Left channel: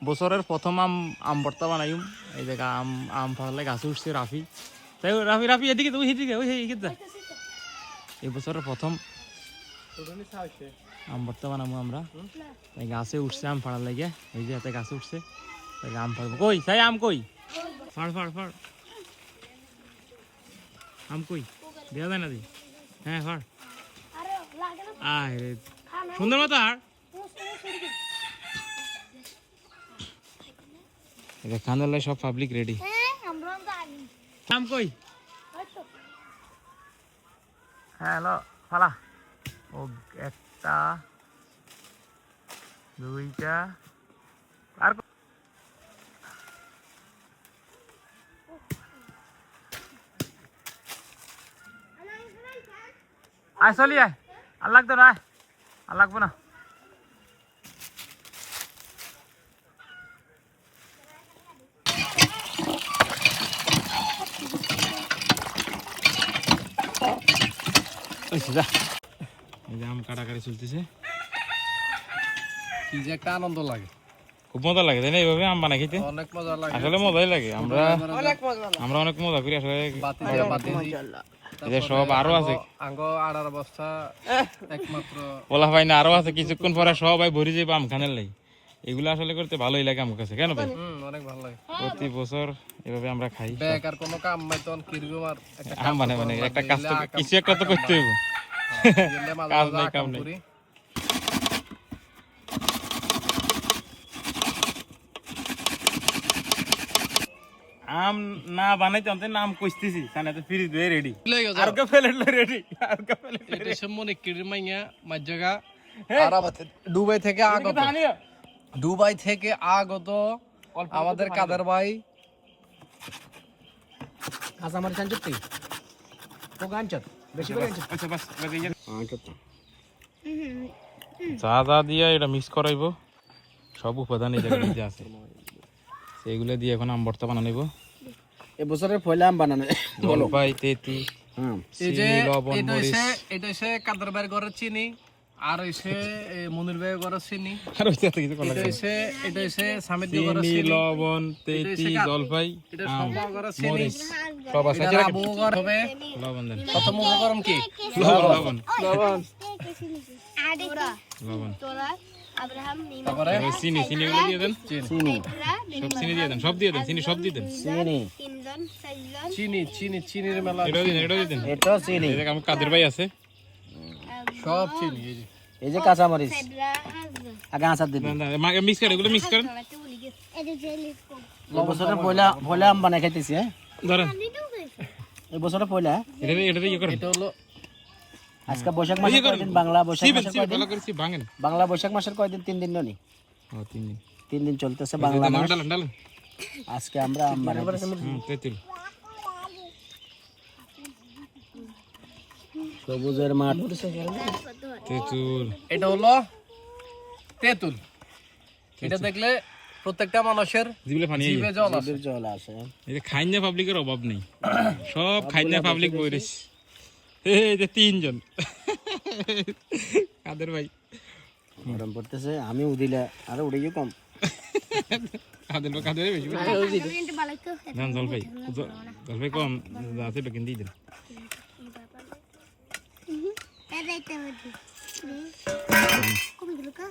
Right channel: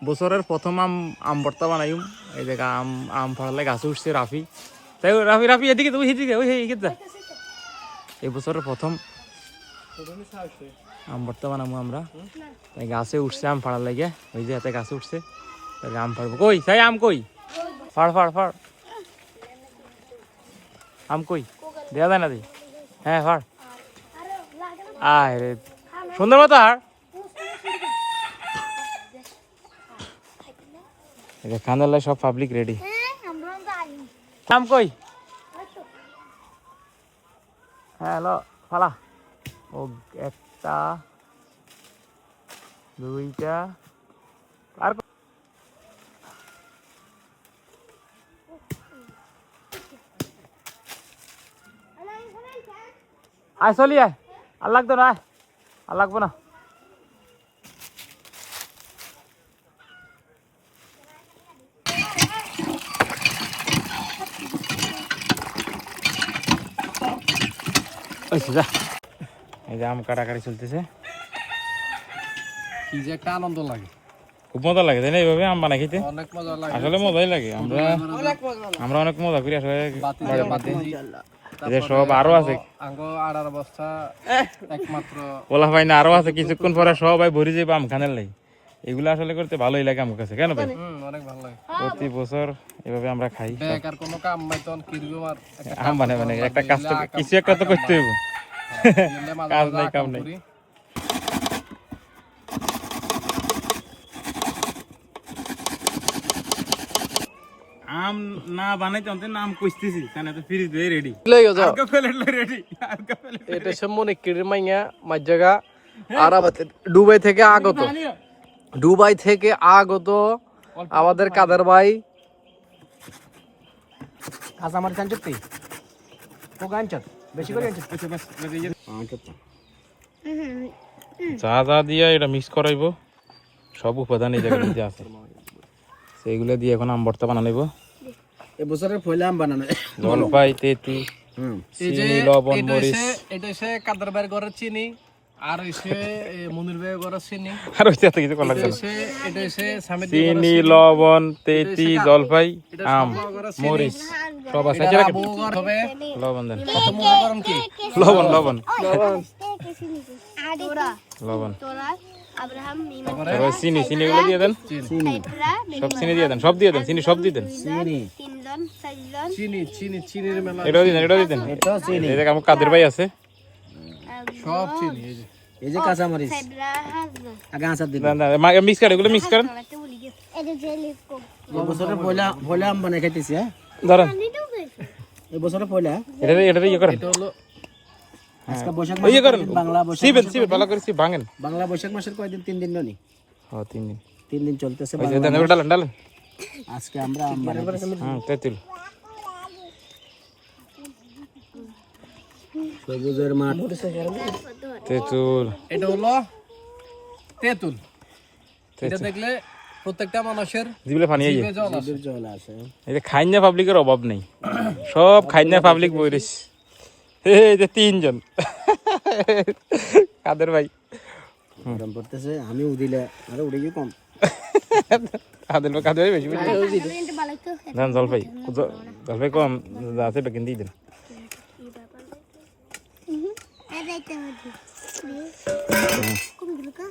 বছরের প্রথম আম ভর্তা বানাইম। এই জায়গা আম ফাড়ালে গাছে উঠছে রাফি, তাই রাফি এদিকে তুই এদিকে ওই যা। এই বছরের প্রথম আম ভর্তা বানাবো আমরা, তাই গাছে উঠছে আম ফাড়ার লাগে। ওই যে এতে গাছে উঠছে, তাই আম ফাড়বো। কই তাই আম কই? ফাড় আম কই? দেওয়া যায় না দি? হ্যাঁ ফাড়। আয় রে সুন্দর মতো হার। খানার লাই সব পাবলিক রেডি। আম কই? হ্যাঁ হ্যালো ফালা। ও একটা দুইটা আর আয় চলি আয়। আর লাগতো না, আয় আর লাগবো না। এই যে আম কাটাকাটি চলতেছে, কি যে একটা আনন্দ লাগে, খুব মজা লাগে তাই না? এইভাবে আম বানাই খেতে অনেক মজা লাগে, আসলে মজাই লাগে। আমরা অনেক মজা করি আসলে। সব আরো আছে আঙ্গো আড়ার অবস্থা একমাত্র বলা হয় না, আরো আছে কিছুক্ষণ পরে সবাই ভরে যাবে আম খানের লাগে। এগুলো আসলে করতে ভালোই লাগে আমার কাছে। কেন ভাই? অনেক ভালো লাগে। প্রতি বছর এভাবে আমরা খাই। বেকার কোনো কাম মাইতন কিরকম আর আম মানে একটা কাজ তো কিছু একটা তো করতে হইব, কাজ নাই কাম নাই। আম না বানাইতে অন্তে নাম কইতেছি তানে তো ফ্রিজ দিয়ে রেডি আর কা প্লেট লই রেডি আর কা প্লেট। এটা সম্মনে কির মাইয়া মাঝজাগা আরাবাতে দুবাই থেকে আগত আমাদের কাদের ভাই কাঁচা মারি চাঞ্চতি তো গাঞ্চত বেশি করে আনছত। আচ্ছা বাস যা যা দিয়া এটা মিক্স করাইবো, সব উপাদান এই জায়গার মধ্যে আছে, সেইগুলো দিয়ে এখন আম ভর্তা বানাইবো। এবছরের পয়লা আম বানানো জলপাই তেতি চিনি লবণ মরিচ। এটা হচ্ছে কাদের ভাইয়ের ঘরের চিনি, আর হচ্ছে মনির ভাইয়ের ঘরের চিনি, আর ওইটা তো কিছু করা লাগবে। এটা হচ্ছে সামিদ চিনি লবণ তেতি জলপাই আম মরিচ সব আছে। হবে লবণ দেন, কত মুখ গরম কি লবণ তারপরে চিনি গুলো দিয়ে দেন, সব চিনি দিয়ে দেন, চিনি সব দিয়ে দেন। চিনির মেলা এটাও দিয়ে দেন। এই জায়গায় আমার কাদের ভাই আছে, সব চিনি। এই যে কাঁচা মরিচ আগে আচার দিবেন, মিক্স করেন, এগুলো মিক্স করেন। এবছরের পয়লা আম বানাই খাইতেছি। ধরেন এবছরের পয়লা এটা ইয়ে করেন, এটা হলো আজকে বৈশাখ ইয়ে করেন, মাসের বাংলা বৈশাখ সিবেন ভালো করে ভাঙেন। বাংলা বৈশাখ মাসের কয়দিন? 3 দিন নি? 3 দিন 3 দিন চলতেছে বাংলা মাস। ডালেন আজকে আমরা আম বানাইতেছি। তেঁতুল সবুজের মাঠ তেঁতুল, এটা হলো তেঁতুল। এটা দেখলে প্রত্যেকটা মানুষের জিভে পানি আইয়ে, জিভে জল আসে। জল আসে। এই যে খাইনা পাবলিকের অভাব নেই, সব খাইনা পাবলিক বইরিস। এই যে 3 জন কাদের ভাই গরম পড়তেছে, আমি উদিলে আরে উড়ে গিয়ে কম কাদের ভাই বেশি দেন। জলপাই কম আছে, এটা কিনে দিয়ে দেন।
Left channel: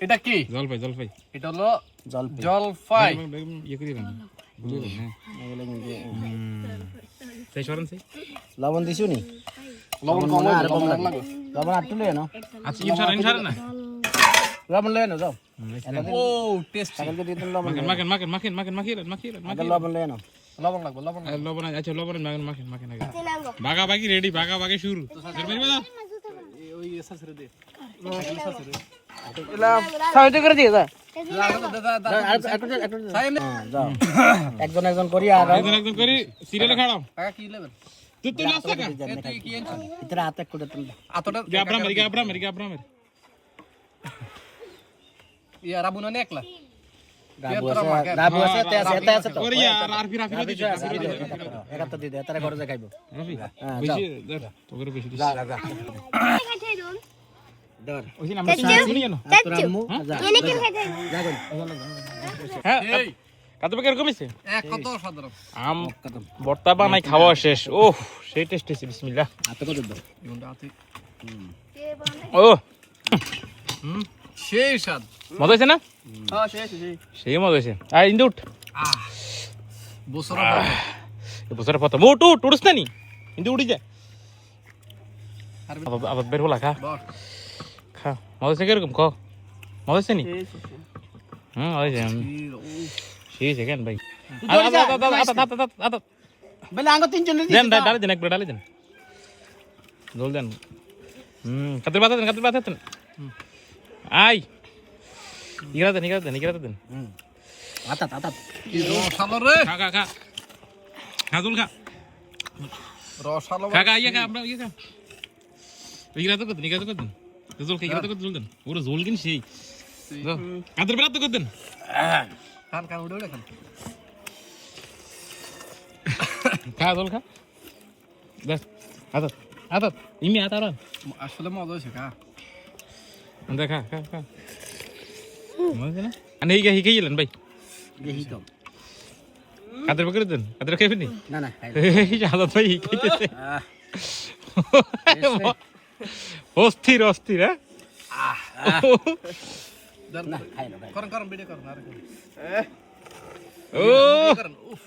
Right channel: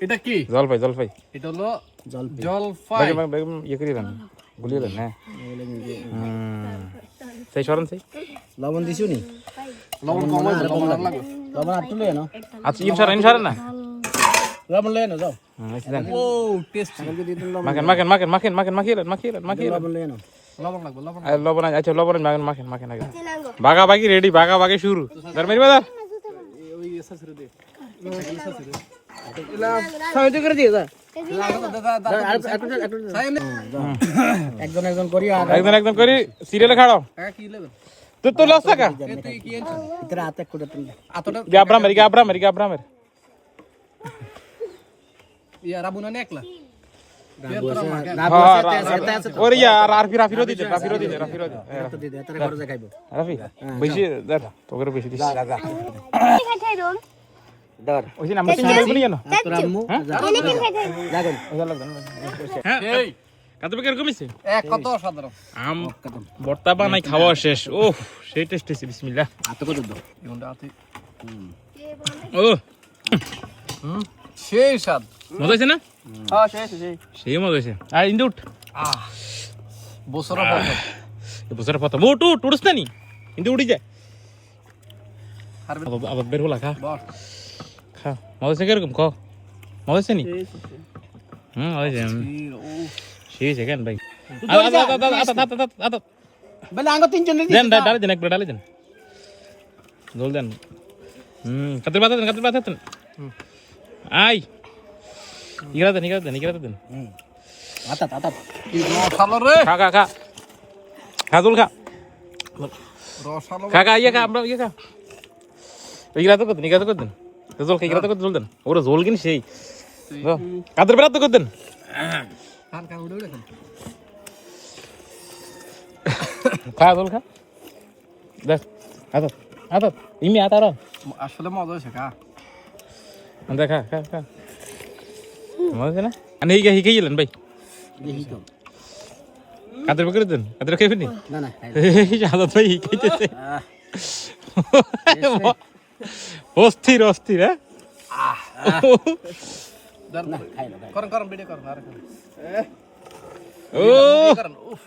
এটা কি? জলপাই এটা হলো জলপাই। জলপাই। ইয়ে করে দেন, গুলিয়ে দেন। হ্যাঁ সেই সরেন সেই লবণ দিছো নি? লবণ কম লাগবে। লবণ আটটু লয়ে নাও। আচ্ছা ইনসারেন না। লবণ লয়ে নাও, যাও। ও টেস্ট। ছাগলকে দিয়ে দিন লবণ। মাখেন মাখিয়ে লবণ লয়ে নাও। লবণ লাগবে, লবণ। লবণ। আচ্ছা লবণ মাখেন আগে। বাগাবাগি রেডি, বাগাবাগি শুরু। ধর্মের বাজার ওই এসে দে। সাইড করে দিয়ে যা। একজন করি আর একজন করি সিরিয়ালে খাড়াও। টাকা কি নেবেন? তো লস টাকা তুই কি আনছ? ভিতরে হাতে করে তুল। আতটা গাবরামের ইয়া রাবুনা নে একলা। ওরে ইয়ার রাফিরো দিতে এটা তো দিদে তারা ঘরে যাই খাইবো। রাফি বেশি তোকে বেশি দিস। ধর ওই যে নাম্বার 3 বলি কেন তোর আম্মু যা যাবেন হ্যাঁ এই কাতু কিরকম হইছে এক কত সাধারণ আম ভর্তা বানাই খাওয়া শেষ ওহ সেই টেস্ট হইছে বিসমিল্লাহ হাতে কত দাও ইগুনটা আছে ও সেই স্বাদ মজা হইছে না হ্যাঁ সেই সেই মজা হইছে আর ইন্দু উঠ বছর এই বছরের প্রথম উঠ উঠ উঠছ না নি ইন্দু উঠি যা আবার বের হলা খা খা মজা হইছে কিরকম ক মজা হইছে নি মজা হইছে সেই সেকেন্ড ভাই বলে আঙ্গ তিনজন দেন ডালে দেন একবার ডালে দেন জল দেন কাদের বাতা দেন আই ইগরা দেন আতা আতা রসালো রে খা খা খা খা জল খা রসালো খা ইয়ে খা আমরা ইয়ে খা ইগরা তো করতেন জল খা ইগরা তো জল দেন ওরা জল কিনি সেই কাদের বেলা তো করতেন কান উড়ে উড়ে খান খা জল খা দেখ আতা ইমি আতা রা আসলে মজা হয়েছে কা আমরা খা মজা না আনে হিকে গেলেন ভাই দেখি তো কাদের বকরে দেন কাদের খাইবেন নি না না এই আদত ভাই হিকাইতেছে অস্থির হ্যাঁ করেন ভিডিও করেন আর ও করেন উফ